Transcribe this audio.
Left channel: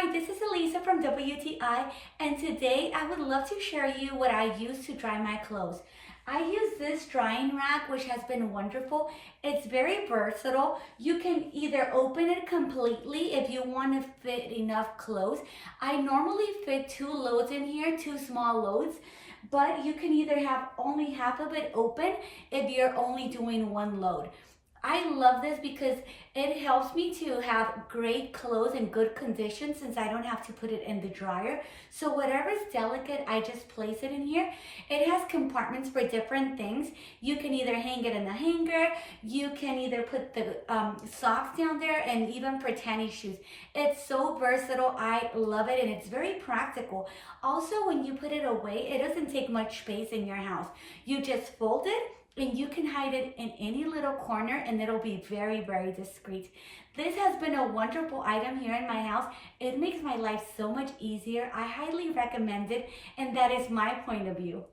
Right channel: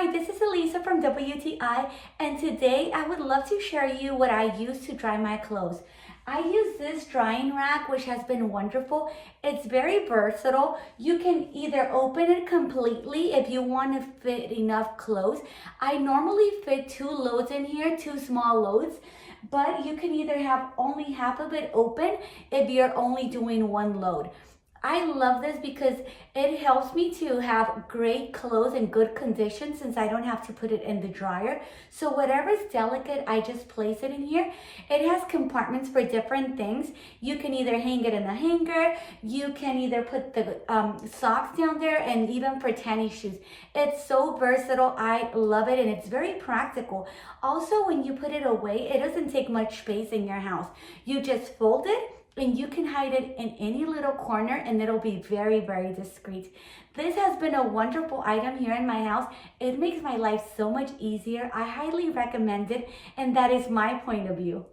Hi, this is Elisa from WTI, and today I would love to share you what I use to dry my clothes. I use this drying rack, which has been wonderful. It's very versatile. You can either open it completely if you want to fit enough clothes. I normally fit 2 loads in here, 2 small loads, but you can either have only half of it open if you're only doing 1 load. I love this because it helps me to have great clothes in good condition since I don't have to put it in the dryer. So whatever's delicate, I just place it in here. It has compartments for different things. You can either hang it in a hanger, you can either put the socks down there, and even for tennis shoes. It's so versatile. I love it, and it's very practical. Also, when you put it away, it doesn't take much space in your house. You just fold it, and you can hide it in any little corner and it'll be very, very discreet. This has been a wonderful item here in my house. It makes my life so much easier. I highly recommend it, and that is my point of view.